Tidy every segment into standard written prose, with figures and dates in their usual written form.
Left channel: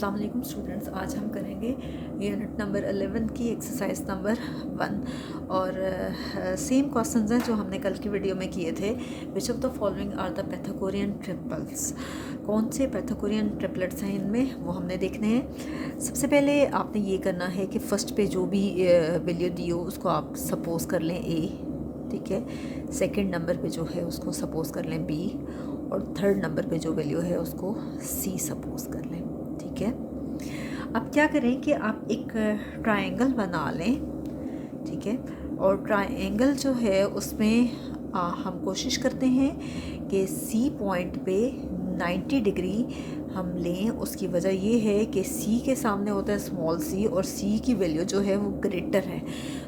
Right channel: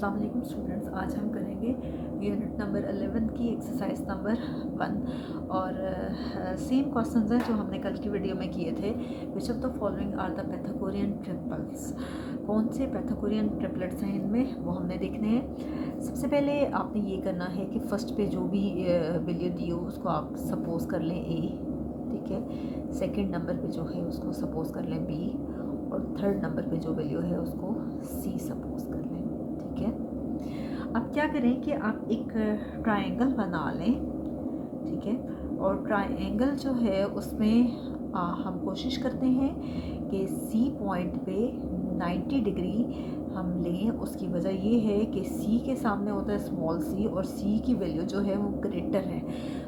अस्सलाम वालेकुम स्टूडेंट्स, आज हम करेंगे यूनिट नंबर 11 की एक्सरसाइज नंबर 1 और सेम क्वेश्चंस हैं जो हमने कल की वीडियो में किए थे। Which of the following are the Pythagorean triples, कौन से पैथागोरियन ट्रिपलेट्स हैं इनमें वो हमने देखने हैं। सबसे पहले आपने ये करना है कि फ़र्स्ट पे जो भी वैल्यू दी हो उसको आप सपोज कर लें ए, ठीक है। सेकंड नंबर पे जो है उसको सपोज कर लें बी, और थर्ड नंबर पे जो वैल्यू है उसको सी सपोज कर लें, ठीक है। अब क्या करें कि आप एक ट्रायंगल बना लें, ठीक है। और ट्रायंगल जो है उसमें हम कोशिश करते हैं कि सी पॉइंट पे 90 डिग्री हम लें। उसकी वजह ये है कि सी के सामने होता है स्मॉल सी और सी की वैल्यू जो है वो ग्रेटर है,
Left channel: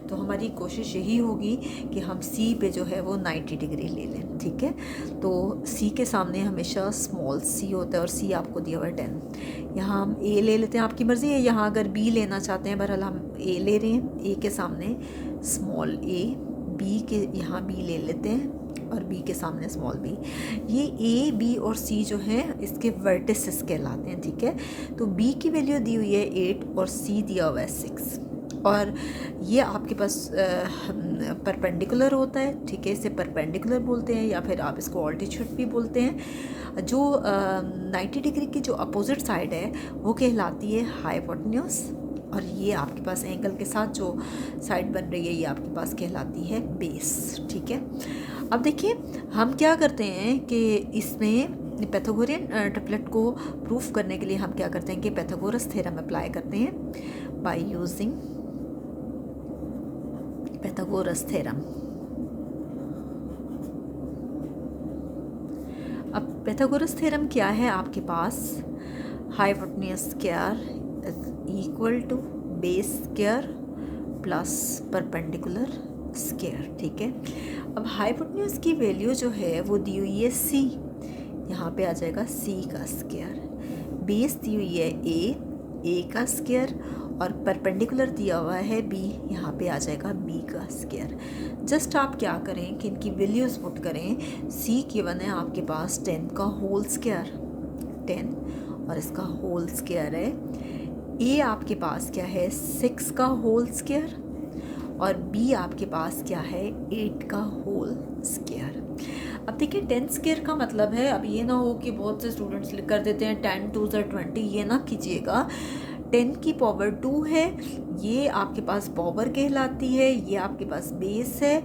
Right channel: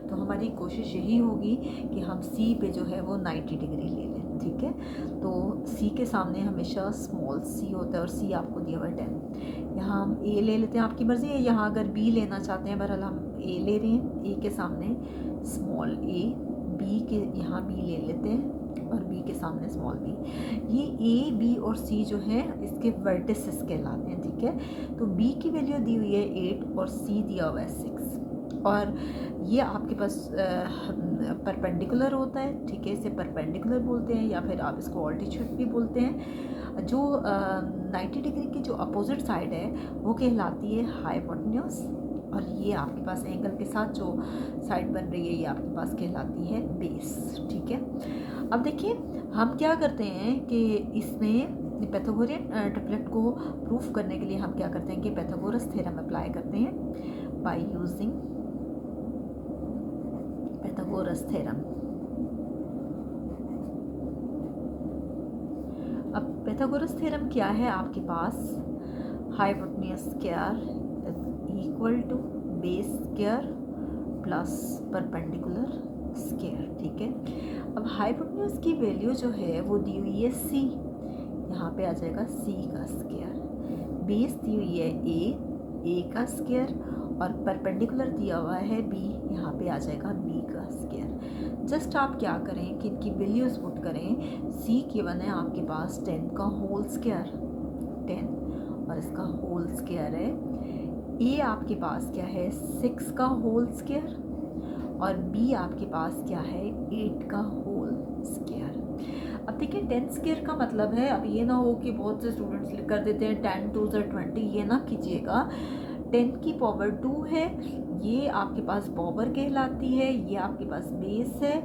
तो हमारी कोशिश यही होगी कि हम सी पे जो है वो 90 डिग्री ले लें, ठीक है। तो सी के सामने हमेशा स्मॉल सी होता है और सी आपको दिया हुआ है 10। यहाँ हम ए ले लेते हैं, आपकी मर्ज़ी है। यहाँ अगर बी लेना चाहते हैं, बहरहाल हम ए ले रहे हैं। ए के सामने स्मॉल ए, बी के यहाँ बी ले लेते हैं और बी के सामने स्मॉल बी। ये ए, बी और सी जो है इसके वर्टिसेस कहलाते हैं, ठीक है। तो बी की वैल्यू दी हुई है 8 और सी दिया हुआ है 6, और ये आपके पास परपेंडिकुलर होता है, ठीक है। इसे परपेंडिकुलर बोलते हैं या फिर आप इसको ऑल्टीट्यूड भी बोलते हैं। जो 90 डिग्री की जो अपोजिट साइड है वो कहलाती है हाइपोटेन्यूज, और ये आपके पास एंगल के साथ जो साइड बन रही है ये आपके पास कहलाती है बेस, ठीक है। अब देखिए हम क्या करते हैं कि इसमें पैथागोरियन ट्रिपलेट को प्रूफ करने के लिए हम क्या करते हैं कि पैथागोरस थ्योरम अप्लाई करते हैं बाय यूजिंग पैथागोरस थ्योरम। अब पैथागोरस थ्योरम क्या है आपके पास? Hypotenuse square equal to base square plus perpendicular square, ठीक है। अब हाइपोटेन्यूज की वैल्यू जो है वो दी हुई है सी, यहाँ पे आ जाएगा सी का स्क्वायर। बेस दी हुई है ए का स्क्वायर, और परपेंडिकुलर दिया हुआ है बी, यहाँ पे आ जाएगा बी का स्क्वायर। जस्ट आप क्या करें कि इनकी वैल्यूज पुट करें। सी गिवन है आपके पास 10 का होल स्क्वायर, 10 और इसका होल स्क्वायर है। ए आपके पास क्या है 6 का होल स्क्वायर, और बी आपके पास क्या है 8 का होल स्क्वायर। अब देखिए 10 स्क्वायर का मतलब है, अब ये ना हो कि बहुत से स्टूडेंट्स कर देते हैं 10 2 20, ये ना कीजिएगा। 10 की पावर 2 है, ये आपके पास पावर कहलाती है, ये आपके पास बेस है।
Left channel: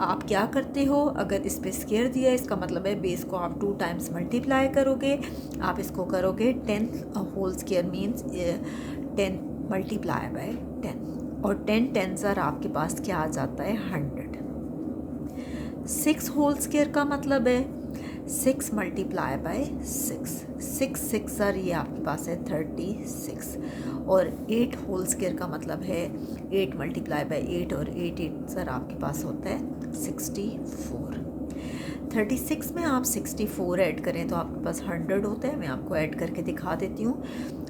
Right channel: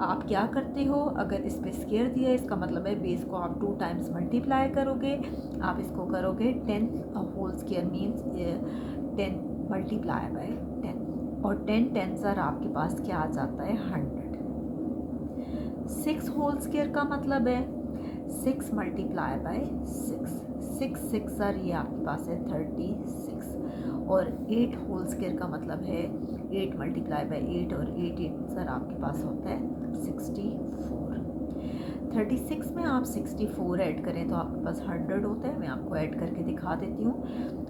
आप क्या करते हो, अगर इस पे स्क्वायर दिया है इसका मतलब है बेस को आप 2 टाइम्स मल्टीप्लाई करोगे। आप इसको करोगे 10 whole square means 10 multiply by 10, और 10 टेंस आपके पास क्या आ जाता है 100। 6 होल स्क्वायर का मतलब है 6 मल्टीप्लाई बाय 6, 6 ये आपके पास है 36, और 8 होल स्क्वायर का मतलब है 8 मल्टीप्लाई बाय 8, और 8 आपके पास होता है 64। 36 में आप 64 ऐड करें तो आपके पास 100 होता है। मैं आपको ऐड करके दिखा देती हूँ।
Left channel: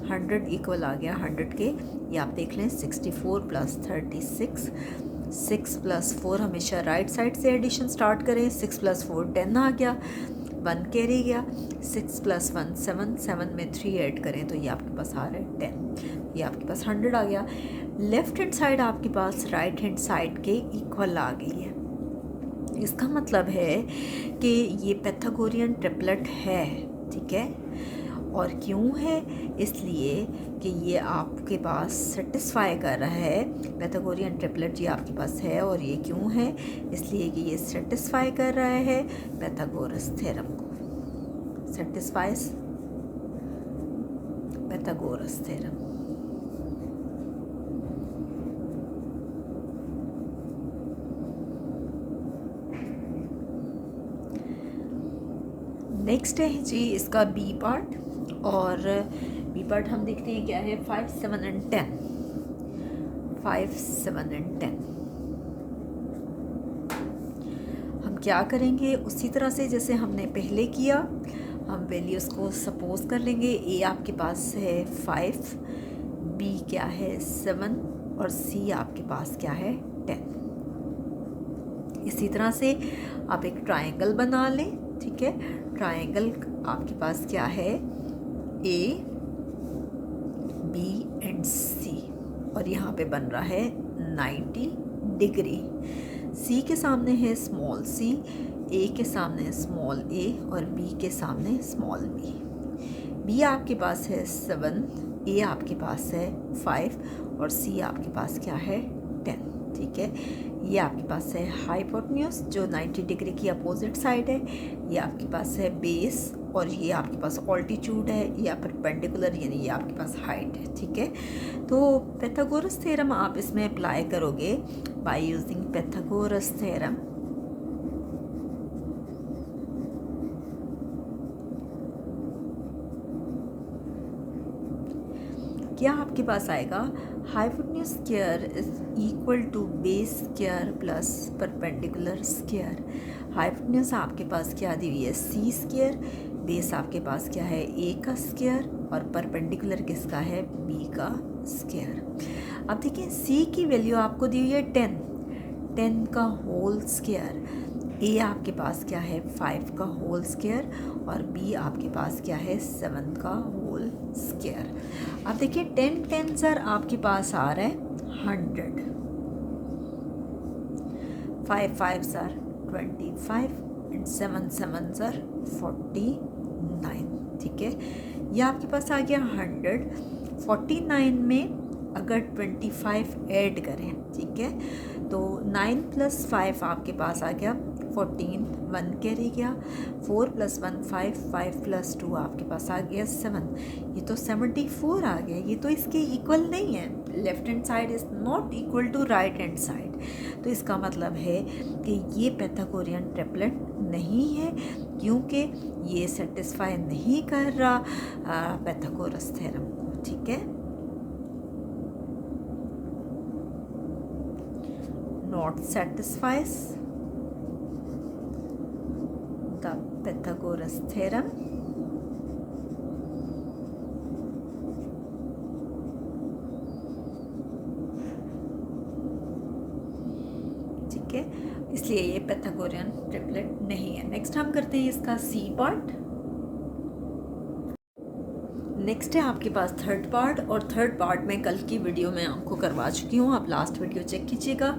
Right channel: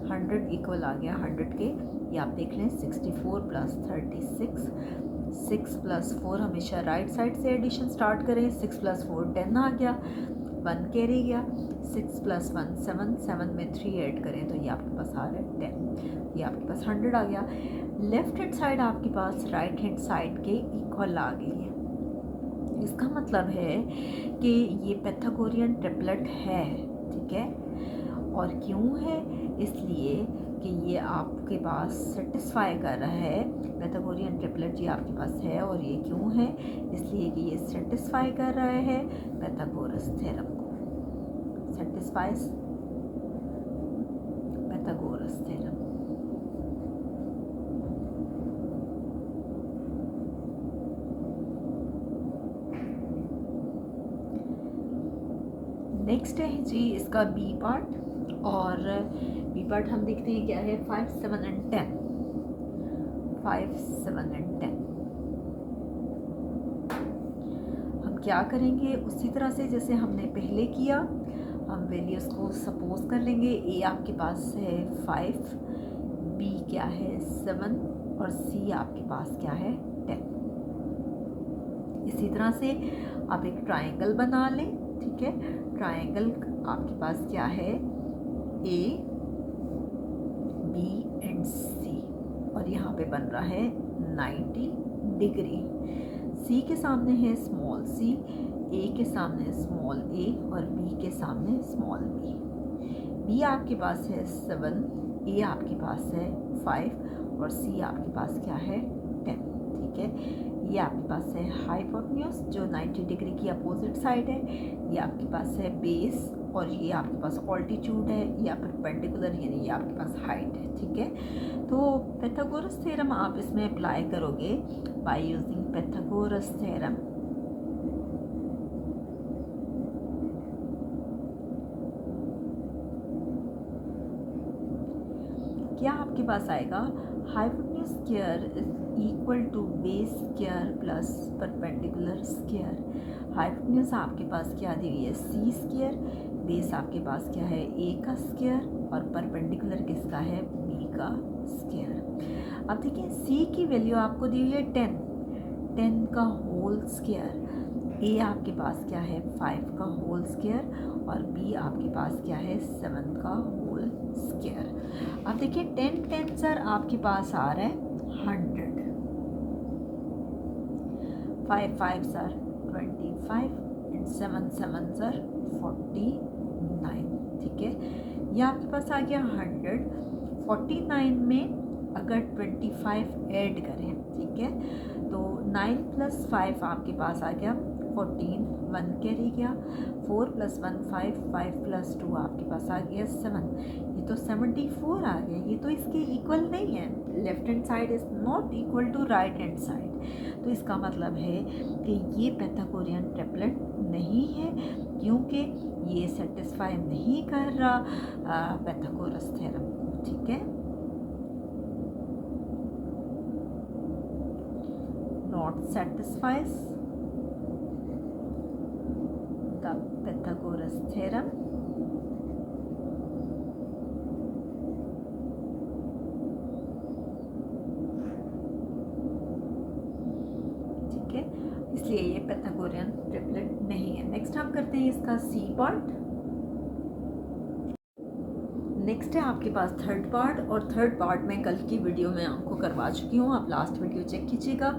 100 इक्वल आ गया 100 के, ये आप देख लें 64 प्लस 36, 6 प्लस 4 हमेशा राइट साइड से एडिशन स्टार्ट करें। 6 प्लस 4 10 आ गया, 1 कैरी गया। 6 प्लस 1 7, 7 में 3 ऐड करें तो ये आपके पास आ रहा है 10, ये आपके पास 100 आ गया। लेफ्ट हैंड साइड आपके पास राइट हैंड साइड के इक्वल आ गई है। इसका मतलब है कि ये पैथागोरियन ट्रिपलेट है, ठीक है। और क्यों है? इसलिए कि ये आपके पास सेटिस्फाई कर रहा है, पैथागोरियन ट्रिपलेट ये आपके पास है। और ये क्यों है? इसलिए कि ये सेटिस्फाई कर रहा है पैथागोरस थ्योरम को, सेटिस्फाइज पैथागोरस थ्योरम। नेक्स्ट है जी इसका बी पार्ट, और बी पार्ट हम देखते हैं क्या है 5 7 एंड 10। 5 7 एंड 10 हम क्या करेंगे उसी तरह से जैसे हमने पहले किया, हम वैल्यूज को सपोज कर लेंगे। ए आपके पास है 5, बी क्या है 7, और सी आपके पास क्या है 10। इसी तरह से आप एक ट्रायंगल बना लें, ठीक है। ट्रायंगल आपके पास क्या है, ए पे बन रहा है 90 डिग्री। सी के सामने है स्मॉल सी, ए के सामने है स्मॉल ए और बी के सामने स्मॉल बी। बी आपके पास है 7, ए आपके पास है 5 और सी आपके पास क्या है 10। ठीक है, ये आपके पास है हाइपोटेन्यूज जो 90 डिग्री की अपोजिट साइड है, ये आपके पास है बेस और ये आपके पास ऑल्टीट्यूड है या परपेंडिकुलर यानी ये आपके पास हाइट है। ठीक है, तो पाइथागोरस थ्योरम आप इसमें अप्लाई करोगे बाय यूजिंग पाइथागोरस थ्योरम। क्या आपके पास आएगा hypotenuse square is equal to base square plus perpendicular square. Hypotenuse आपके पास क्या दी हुई है सी स्क्वायर, बेस आपके पास क्या है ए का स्क्वायर और परपेंडिकुलर किसका है बी का स्क्वायर। अब देखिए सी की वैल्यू आपको दी हुई है 10 का होल स्क्वायर, ए आपके पास क्या है 5 का होल स्क्वायर और बी आपके पास क्या है 7 का होल स्क्वायर। अब देखिए 10 सर आपके पास आ रहा है 100, 5 सर 25 एंड 7 सर 49। ठीक है, ये आपके पास आ गया 100। 49 में अगर 25 ऐड करें, ठीक है, तो 9 + 5 आपके पास आ गया 14, 1 कैरी गया, 4 + 1 5, 5 + 2 आपके पास आ गया 7। ये तो 74 आ गया, ये तो इसके इक्वल नहीं है। Left hand side is not equal to right hand side. तो इसका मतलब है कि ये पाइथागोरियन ट्रिपलेट नहीं है क्योंकि ये सेटिस्फाई नहीं कर रहा पाइथागोरस थ्योरम को। ठीक है, not satisfies the Pythagoras theorem। ठीक है, इसलिए ये पाइथागोरियन ट्रिपलेट नहीं है। नेक्स्ट हम करते हैं इसका सी पार्ट। नेक्स्ट है आपके पास थर्ड पार्ट, और थर्ड पार्ट में कल की वीडियो में आपको करवा चुकी हूँ, आप लास्ट वीडियो चेक कीजिएगा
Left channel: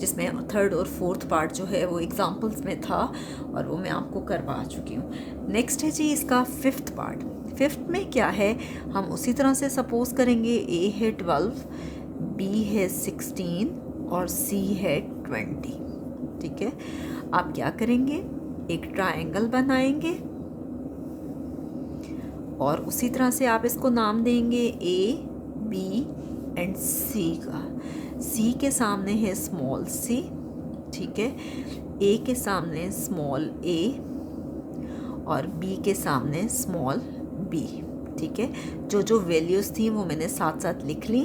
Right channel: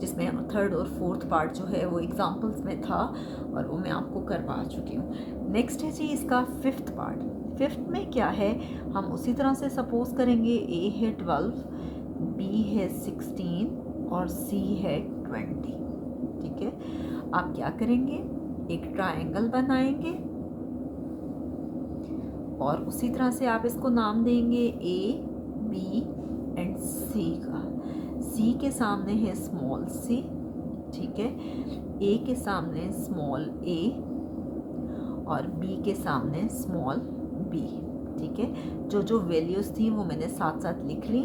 जिसमें थर्ड और फोर्थ पार्ट जो है वो एग्जांपल्स में था और वो मैं आपको करवा चुकी हूँ। नेक्स्ट है जी इसका फिफ्थ पार्ट। फिफ्थ में क्या है, हम उसी तरह से सपोज करेंगे ए है 12, बी है 16 और सी है 20। ठीक है, आप क्या करेंगे, एक ट्रायंगल बनाएंगे और उसी तरह से आप इसको नाम देंगे ए बी एंड सी का। सी के सामने है स्मॉल सी, ठीक है, ए के सामने स्मॉल ए और बी के सामने स्मॉल बी। ठीक है, जो जो वैल्यूज़ थी वो मैंने साथ साथ लिख ली।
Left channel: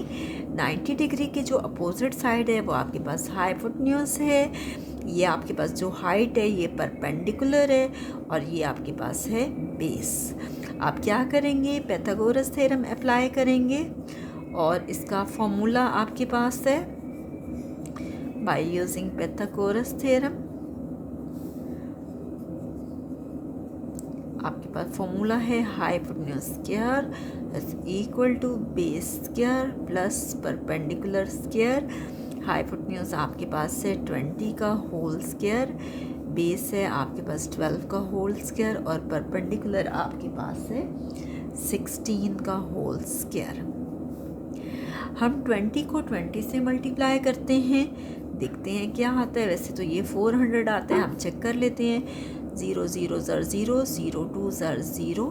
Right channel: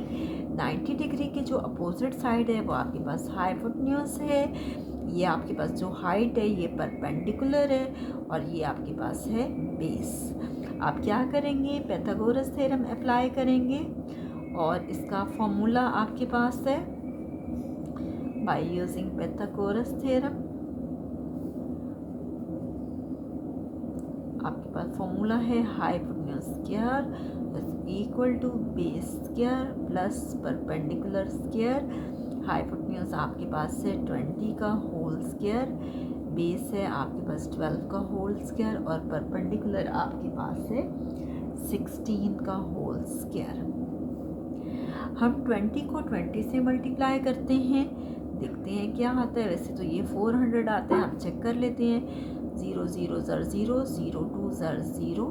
90 डिग्री के जो अपोजिट साइड है वो आपके पास हाइपोटेन्यूज है, ये आपके पास जो हाइट है ये परपेंडिकुलर है और ये आपके पास है बेस। आप क्या करेंगे, पाइथागोरस थ्योरम अप्लाई करेंगे और इसका फॉर्मूला आपके पास है बाय यूजिंग पाइथागोरस थ्योरम। आपके पास फॉर्मूला है hypotenuse square is equal to base square plus perpendicular square. Hypotenuse आपके पास है 20 का होल स्क्वायर, बेस है आपके पास 12 का होल स्क्वायर और परपेंडिकुलर आपके पास है 16 का होल स्क्वायर। हम 20 को 20 से मल्टीप्लाई करते हैं, देखते हैं क्या आता है। वैसे तो ये 400 आता है, हम चेक कर लेते हैं। 0 0 ज़र 0, 0 2 ज़र 0,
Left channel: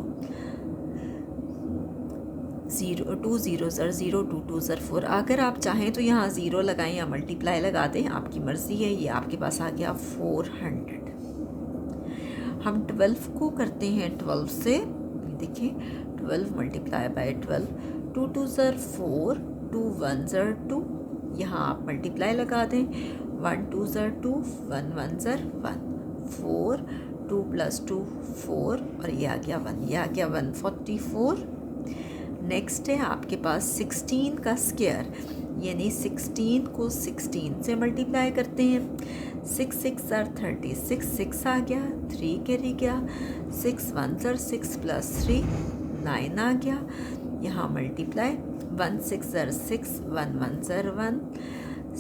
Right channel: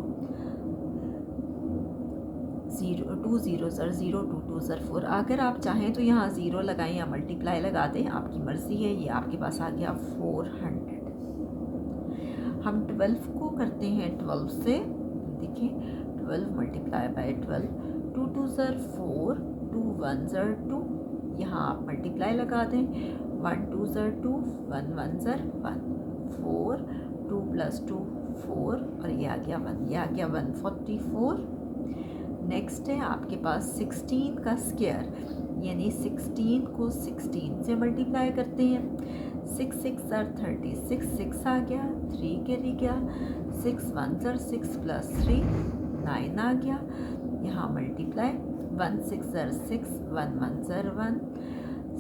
2 0 ज़र 0, 2 2 ज़र 4। अगर आप चाहें तो यहाँ 0 लगाएं या मल्टीप्लाई लगा दें, आपकी मर्ज़ी है। ये आपके पास आ गया 400। हम 12 को करते हैं 12 से, देखिए 12 × 12, 2 2 ज़र 4, 2 1 ज़र 2, यहाँ आप मल्टीप्लाई लगा दें। 1 2 ज़र 2, 1 1 ज़र 1, 4, 2 + 2 4 और ये आ गया 1, ये आ गया 144। नेक्स्ट है आपके पास 16 का स्क्वायर, यानी 16 को 16 से मल्टीप्लाई करते हैं। 6 6 ज़र 36, 6 आ गया, 3 कैरी गया, 6 1 ज़र 6 + 3 9 आ गया, यहाँ मल्टीप्लाई 1 6 ज़र 6, 1 1 ज़र 1,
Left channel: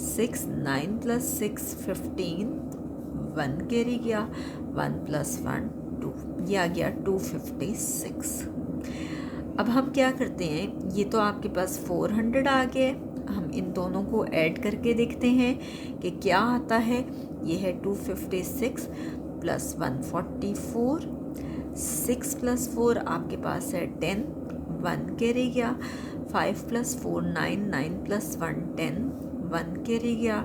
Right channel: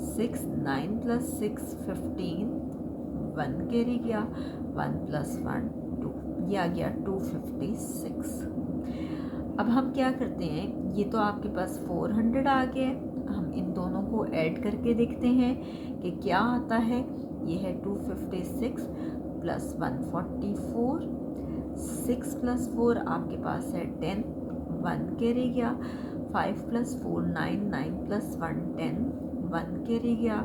6 9 + 6 15, 1 कैरी गया, 1 + 1 2, ये आ गया 256। अब हम क्या करते हैं, ये तो आपके पास 400 आ गए, हम इन दोनों को ऐड करके देखते हैं कि क्या आता है। ये है 256 + 144, 6 + 4 आपके पास है 10, 1 कैरी गया, 5 + 4 9, 9 + 1 10, 1 कैरी गया,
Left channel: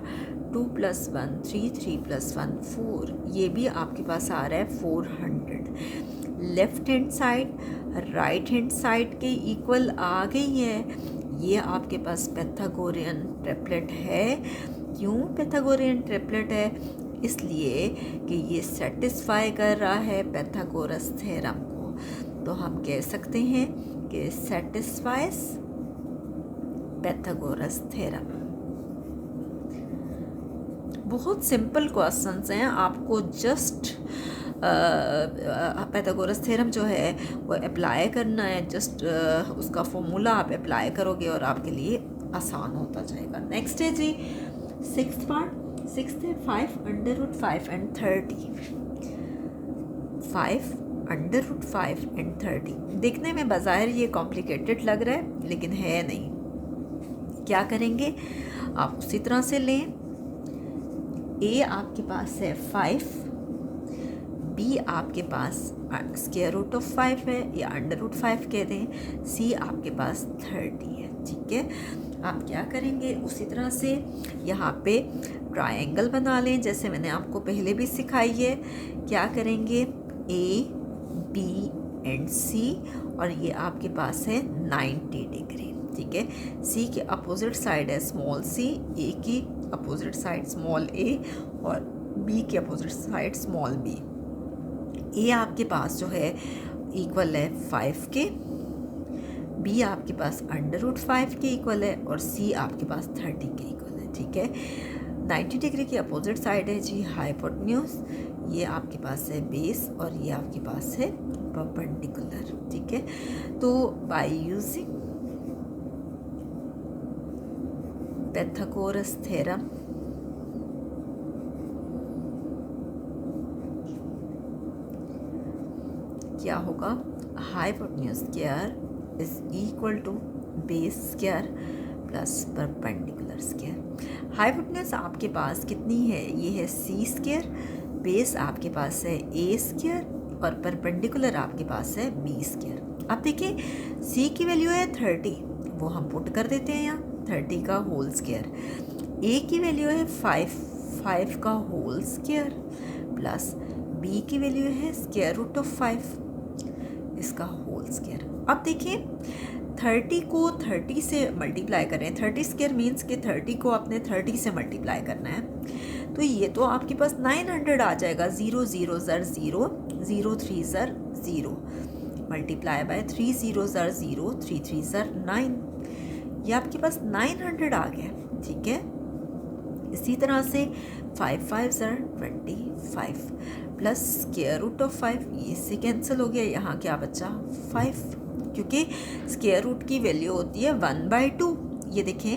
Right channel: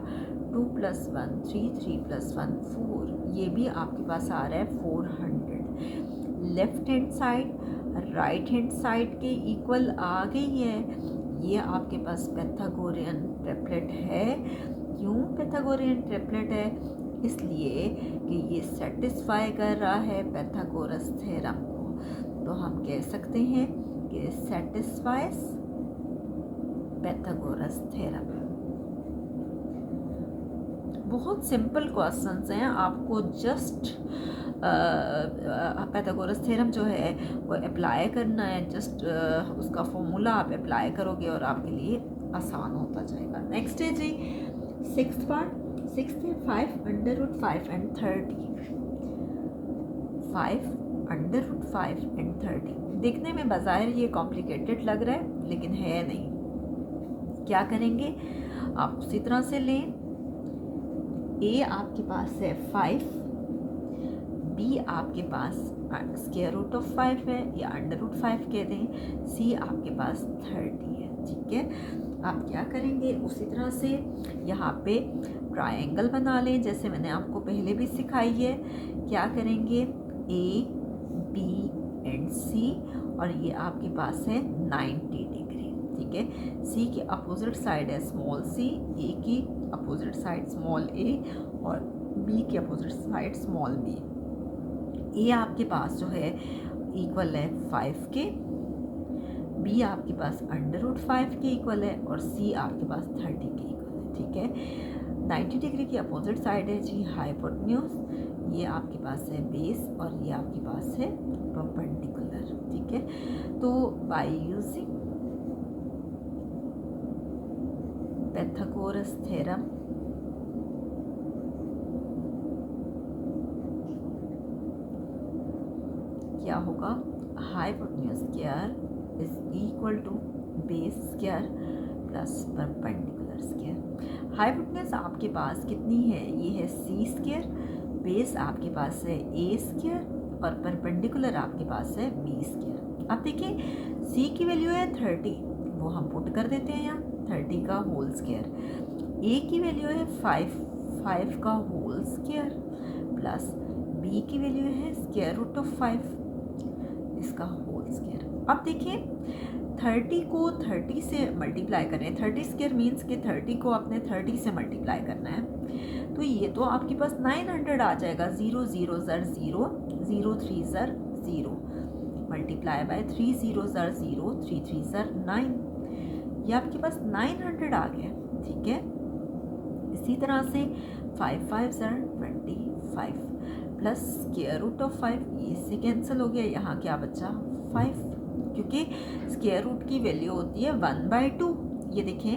2 + 1 3, 3 + 1 4, ये भी आपके पास आ रहा है 400। Left hand side right hand side के इक्वल आ गई है। ये आपके पास पैथागोरियन ट्रिपलेट है। क्यों पैथागोरियन ट्रिपलेट है? इसलिए कि ये सेटिस्फाई कर रहा है पैथागोरस थ्योरम को। तो हम कह सकते हैं कि सेटिस्फाइज पैथागोरस थ्योरम। बहुत सिंपल क्वेश्चंस हैं, आपको जस्ट पैथागोरस थ्योरम जो है वो अप्लाई करना है। जस्ट उसका फॉर्मूला आप अप्लाई करोगे और आपके लिए आसान होता जाएगा। नेक्स्ट है जी 6th पार्ट। 6th है 5 √5 and 30। 5 √5 and 30 देखने में बाज़ाहिर ये कॉम्प्लिकेटेड लग रहा है, लेकिन है नहीं। क्या करेंगे, आप उसी तरह से लें। ए आपके पास है 5, बी आपके पास √5 है या √5 कह दें, सी आपके पास 30 है। ठीक है, आप क्या करेंगे, उसी तरह से यहाँ पे ट्रायंगल बना लें जैसे मैंने आपको पहले भी सिखाई है। क्या करेंगे, ए बी एंड सी, और ये आपके पास है 90 डिग्री। ठीक है, सी की अपोजिट साइड है स्मॉल सी, ए की अपोजिट साइड स्मॉल ए, और बी की अपोजिट साइड स्मॉल बी। ए आपके पास जो है इक्वल है 5 के, बी आपके पास √5 के इक्वल है, और सी आपके पास 30 के इक्वल है। ठीक है, 90 डिग्री की अपोजिट साइड है जी हाइपोटेन्यूज, ये आपके पास है बेस, और ये आपके पास है परपेंडिकुलर। ठीक है, तो बाय यूजिंग पैथागोरस थ्योरम क्या होगा, hypotenuse square is equal to base square plus perpendicular square. Hypotenuse आपके पास कितनी है, ये है सी स्क्वायर, बेस आपके पास है ए स्क्वायर, और परपेंडिकुलर आपके पास है बी स्क्वायर। अब देखिए सी की वैल्यू है 30, वो हम पुट कर देते हैं यहाँ 30 का होल स्क्वायर। ए की वैल्यू है 5 का होल स्क्वायर, प्लस बी की वैल्यू है √5 इसका होल स्क्वायर। अब देखिए 30 को 30 से मल्टीप्लाई करें, 30 स्क्वायर मीन्स कि 30 को आपने 30 से मल्टीप्लाई करना है, तो ये तो आपके पास 900 आ जाएगा। 0 0 ज़र 0, 0 3 ज़र 0, मल्टीप्लाई बाय 3 0 ज़र 0, 3 3 ज़र 9, ये आपके पास 900 आ गया। ठीक है, इसी तरह से 5 5 ज़र 25 प्लस √5, ये इससे कैंसिल हो गया, यहाँ क्या बचा 5, क्योंकि स्क्वायर रूट की वैल्यू होती है 1/2। ये देखें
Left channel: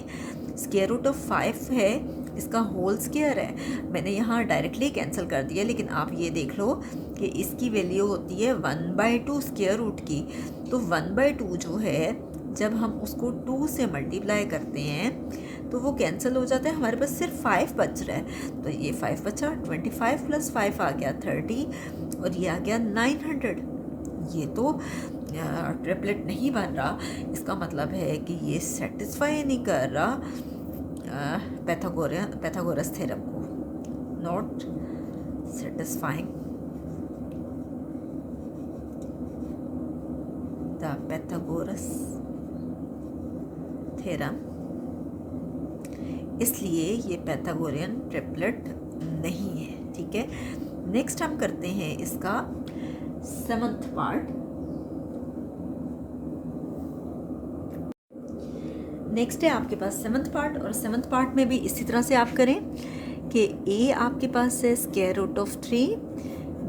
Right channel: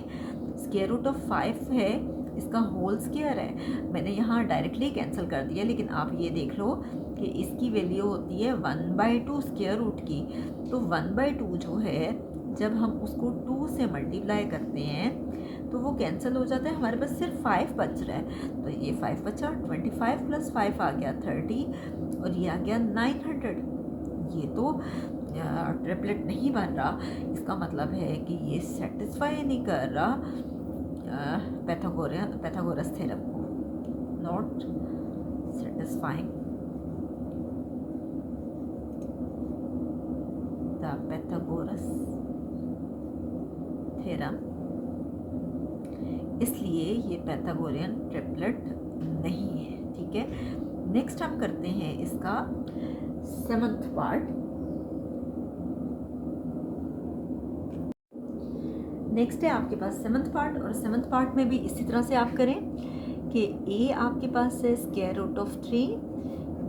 √5 है, इसका होल स्क्वायर है, मैंने यहाँ डायरेक्टली कैंसिल कर दिया, लेकिन आप ये देख लो कि इसकी वैल्यू होती है 1/2 स्क्वायर रूट की। तो 1/2 जो है जब हम उसको 2 से मल्टीप्लाई करते हैं तो वो कैंसिल हो जाता है, हमारे पास सिर्फ 5 बच रहा है। तो ये 5 बचा, 25 + 5 आ गया 30, और ये आ गया 900। ये तो ट्रिपलेट नहीं बन रहा, इसका मतलब है कि ये सेटिस्फाई नहीं कर रहा पैथागोरस थ्योरम को, not satisfying the Pythagoras theorem, इसलिए ये पैथागोरियन ट्रिपलेट नहीं है। ठीक है, नेक्स्ट हम करते हैं इसका 7th पार्ट। नेक्स्ट है आपके पास 7th पार्ट, और 7th पार्ट में भी इसी तरह से आप करें कि ए आपके पास है √3,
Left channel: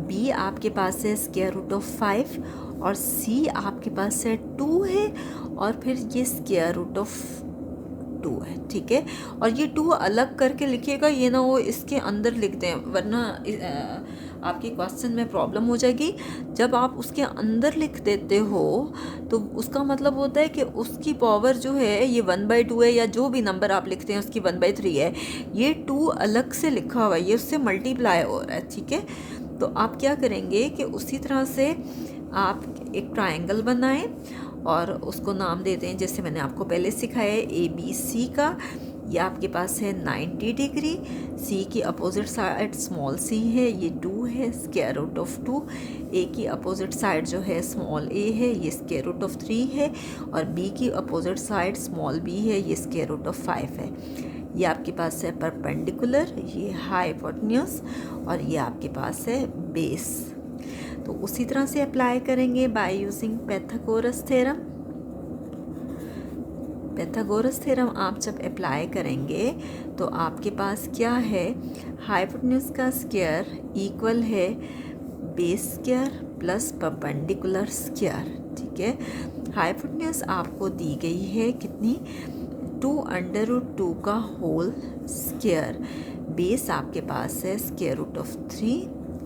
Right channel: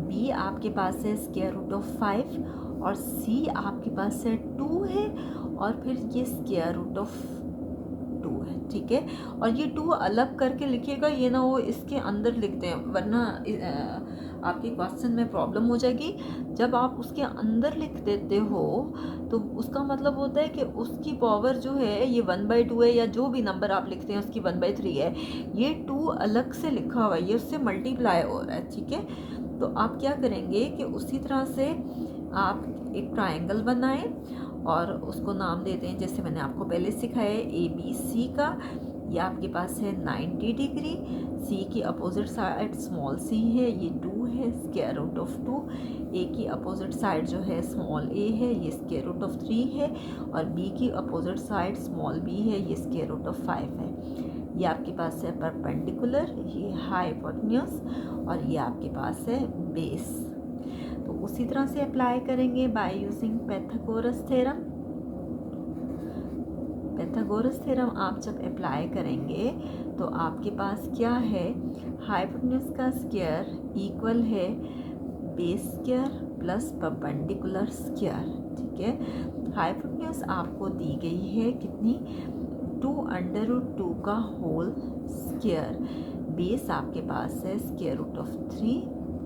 बी आपके पास है √5, और c आपके पास है 2 है, और फिर ये स्क्वायर रूट ऑफ 2 है, ठीक है। और ये 2 अलग करके लिखिएगा, ये ना वो इसके अंदर लिखते हैं, वरना आपकी क्वेश्चन में प्रॉब्लम हो जाएगी। जब आप उसके अंदर लिख देते हो तो उसका मतलब होता है कि उसकी पावर जो है ये 1/2 है, या जो भी नंबर आप लिखते हैं उसकी 1/3 है। ये 2 अलग से लिखा हुआ है, ये उससे मल्टीप्लाई हो रहा है, ठीक है। तो आप क्या करेंगे कि उसी तरह से आप एक ट्रायंगल बनाएं और उसको नाम देते हैं, जैसे मैंने आपको पहले सिखाया है ABC का। ये आपके पास है 90 डिग्री, C की अपोजिट साइड स्मॉल c है, ये 2 है, स्क्वायर रूट ऑफ 2। A की अपोजिट साइड जो है स्मॉल a है, ये स्क्वायर रूट ऑफ 3 है, और B की अपोजिट साइड स्मॉल b है, ये स्क्वायर रूट ऑफ 5 है। ये आपके पास है परपेंडिकुलर, ये हाइपोटेन्यूज, और ये आपके पास है बेस। तो उसी तरह से अप्लाई करेंगे bye using Pythagoras theorem. Pythagoras theorem आप जब अप्लाई करेंगे तो आपके पास क्या है, हाइपोटेन्यूज का स्क्वायर इक्वल है base square plus perpendicular square, ठीक है। हाइपोटेन्यूज आपको दी गई है कितनी, 2√2 का होल स्क्वायर। बेस आपके पास है स्क्वायर रूट ऑफ 3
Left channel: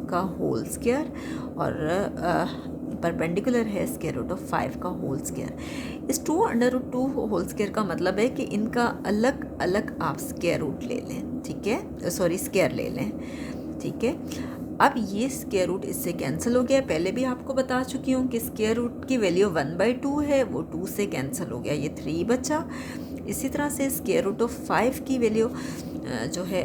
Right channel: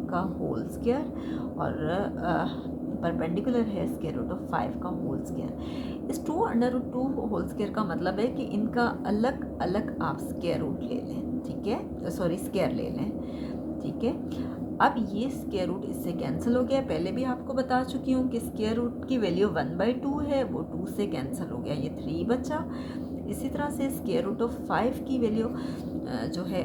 का होल स्क्वायर, और परपेंडिकुलर है स्क्वायर रूट ऑफ 5 का होल स्क्वायर। इस 2√2 होल स्क्वायर का मतलब है कि इनका अलग अलग आप स्क्वायर रूट ले लें, ठीक है, सॉरी स्क्वायर ले लें, ठीक है। अब ये स्क्वायर रूट इससे कैंसिल हो गया, पहले भी आपको बता चुकी हूँ कि स्क्वायर रूट की वैल्यू 1/2 है, वो 2 से कैंसिल हो गया, ये 3 बचा। इसी तरह से स्क्वायर रूट ऑफ 5 की वैल्यू जो है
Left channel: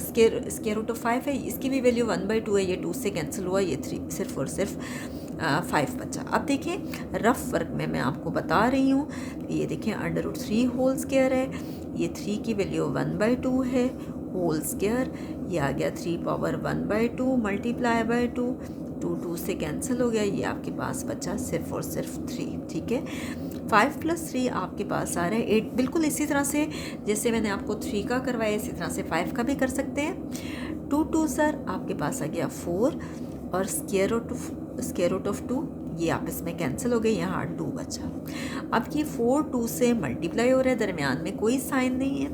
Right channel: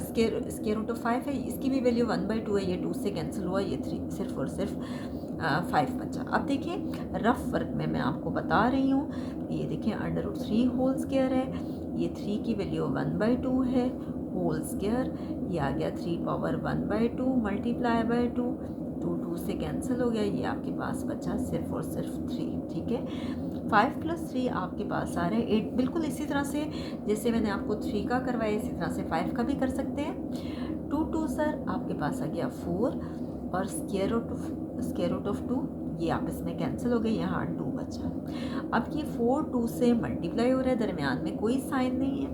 स्क्वायर रूट ऑफ 5 है, इसकी भी वैल्यू 1/2 है, ये 2 से कैंसिल हुआ, ये 3 सिर्फ और सिर्फ 5 बचा। अब देखिए रफ वर्क में मैं आपको बता रही हूँ, ये देखिए √3 होल स्क्वायर है, ये 3 की वैल्यू 1/2 है, होल स्क्वायर, ये आ गया 3 पावर 1/2 मल्टीप्लाई बाय 2, 2 से कैंसिल हो गया, ये आपके पास बचा सिर्फ और सिर्फ 3, ठीक है। 5 + 3 आपके पास आ रहा है 8। बिल्कुल इसी तरह से जैसे मैंने आपको 3 का करवाया, इसी तरह से 5 का भी कर सकते हैं। 2 2 सर आपके पास आ गया 4, और स्क्वायर रूट ऑफ 2 ये आपस में कैंसिल हो गए, यहाँ 2 बचा। अब ये 4 2 से मल्टीप्लाई हो रहा है, दरमियान में कोई साइन नहीं है,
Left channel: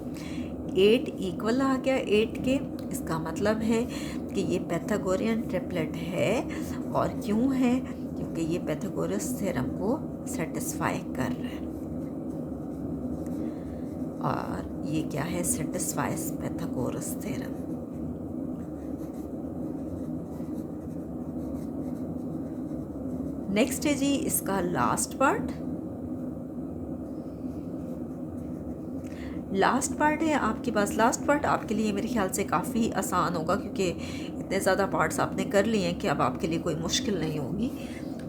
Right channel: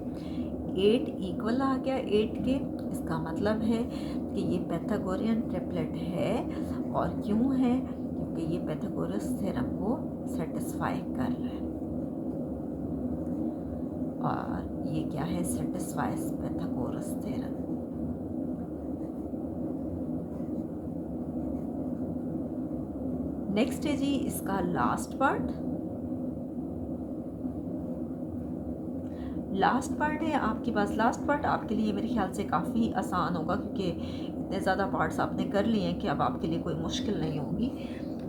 8 इक्वल आ गया 8 के। इसका मतलब है कि ये पैथागोरियन ट्रिपलेट है, और क्यों है, क्योंकि ये पैथागोरस थ्योरम को सेटिस्फाई कर रहा है, और ये क्या है, सेटिस्फाइज पैथागोरस थ्योरम। नेक्स्ट है जी इसका लास्ट पार्ट। लास्ट पार्ट है आपके पास, लास्ट पार्ट आपके लिए मेरे ख्याल से काफ़ी आसान होगा, क्योंकि इतने ज़्यादा पार्ट्स आपने कर लिए हैं कि अब आपके लिए कोई मुश्किल नहीं होगी।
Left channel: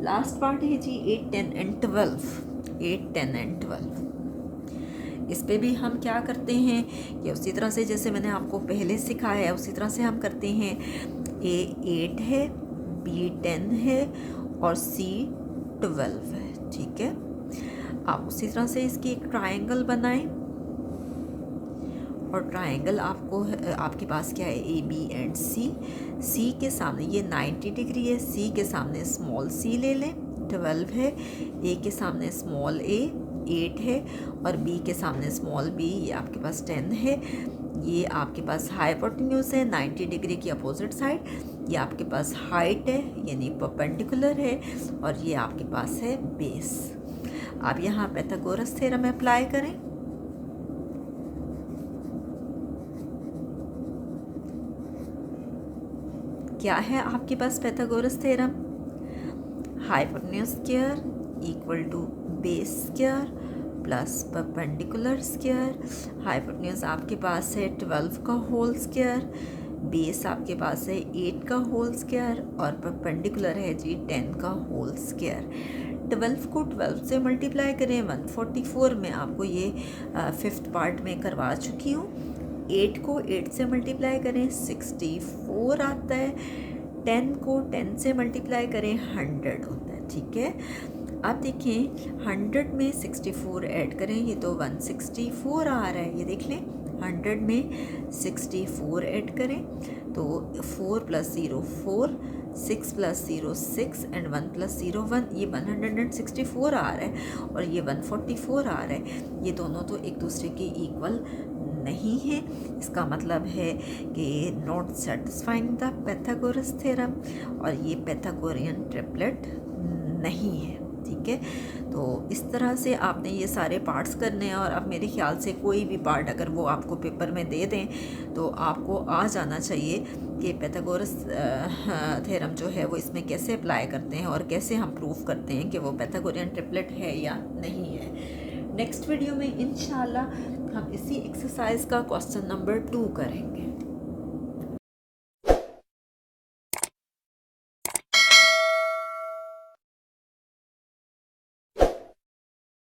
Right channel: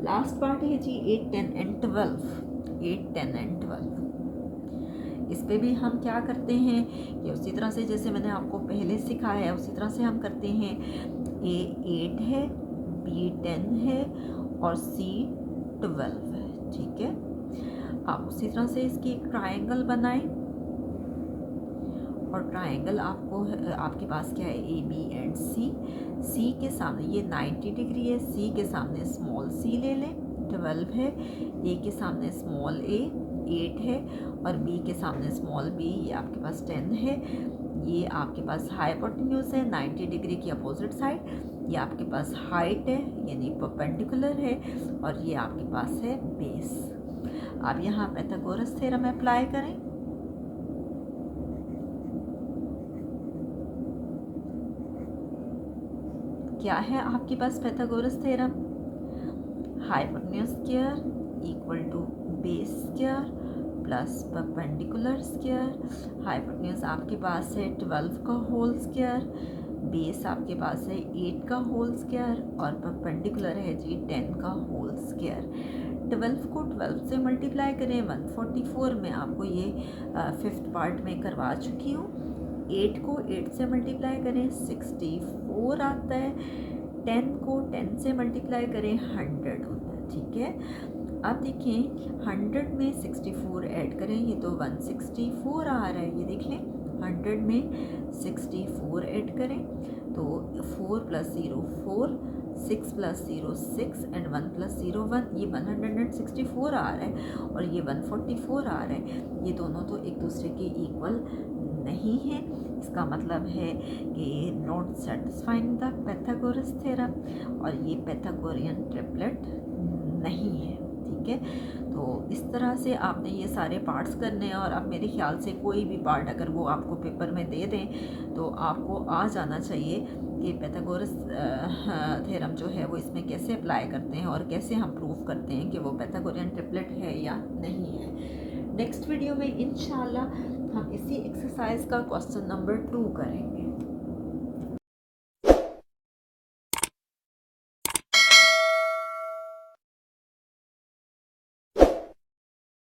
लास्ट पार्ट है जी 8 10 एंड 12। 8 10 एंड 12 इस पे भी हम क्या करते हैं कि उसी तरह से जैसे मैंने आपको पहले सिखाया है उसी तरह से हम करते हैं। A 8 है, B 10 है, और C 12 है, ठीक है। आप उसी तरह से इसकी एक ट्रायंगल बनाएं, और ट्रायंगल आपको आपके पास क्या है, A B एंड C के सामने ये 90 डिग्री है, C के सामने स्मॉल c ले लें, 12 है, A के सामने स्मॉल a 8 है, और B के सामने स्मॉल b ये आपके पास 10 है। ये आपके पास हाइपोटेन्यूज है 90 डिग्री की अपोजिट साइड, ये आपके पास हाइट है यानी परपेंडिकुलर है, और ये आपके पास है बेस। आप यहाँ पैथागोरस थ्योरम अप्लाई करें। क्या है आपके पास Pythagoras theorem, hypotenuse square equal to base square plus perpendicular square. Hypotenuse आपके पास है 12 का होल स्क्वायर, बेस आपके पास है 8 का होल स्क्वायर, और परपेंडिकुलर है जी 10 का होल स्क्वायर। 12 को 12 से मल्टीप्लाई करें 144 में, आपको ये 5th पार्ट में करवा चुकी हूँ। 8 को 8 से मल्टीप्लाई करें 64 आता है, 10 को 10 से मल्टीप्लाई करें 100 होता है, ठीक है। अब देखिए 100 में 64 ऐड करें, ये तो 164 आ रहा है, ये देख लें 100 में 64 ऐड करें तो 4 + 0 4, 6 + 0 6 एंड 1 + 0 1, ये 164 आ रहा है और ये 144 आ रहा है। ये दोनों तो एक दूसरे के इक्वल नहीं है, इसका मतलब है कि not satisfying the Pythagoras theorem, और ये पैथागोरियन ट्रिपलेट नहीं है। ठीक है, तो इस तरह से आपने ये सारे पार्ट्स करने हैं, और अब मेरे ख्याल से कोई भी पार्ट अगर वो आपको पेपर में दे दें तो आपको आ जाना चाहिए कि पैथागोरस थ्योरम जो है वो इसमें कैसे अप्लाई करते हैं और कैसे हम प्रूव करते हैं कि वो पैथागोरियन ट्रिपलेट है या नहीं है। नेक्स्ट वीडियो में इंशाल्लाह हम इसी एक्सरसाइज का क्वेश्चन नंबर 2 करेंगे।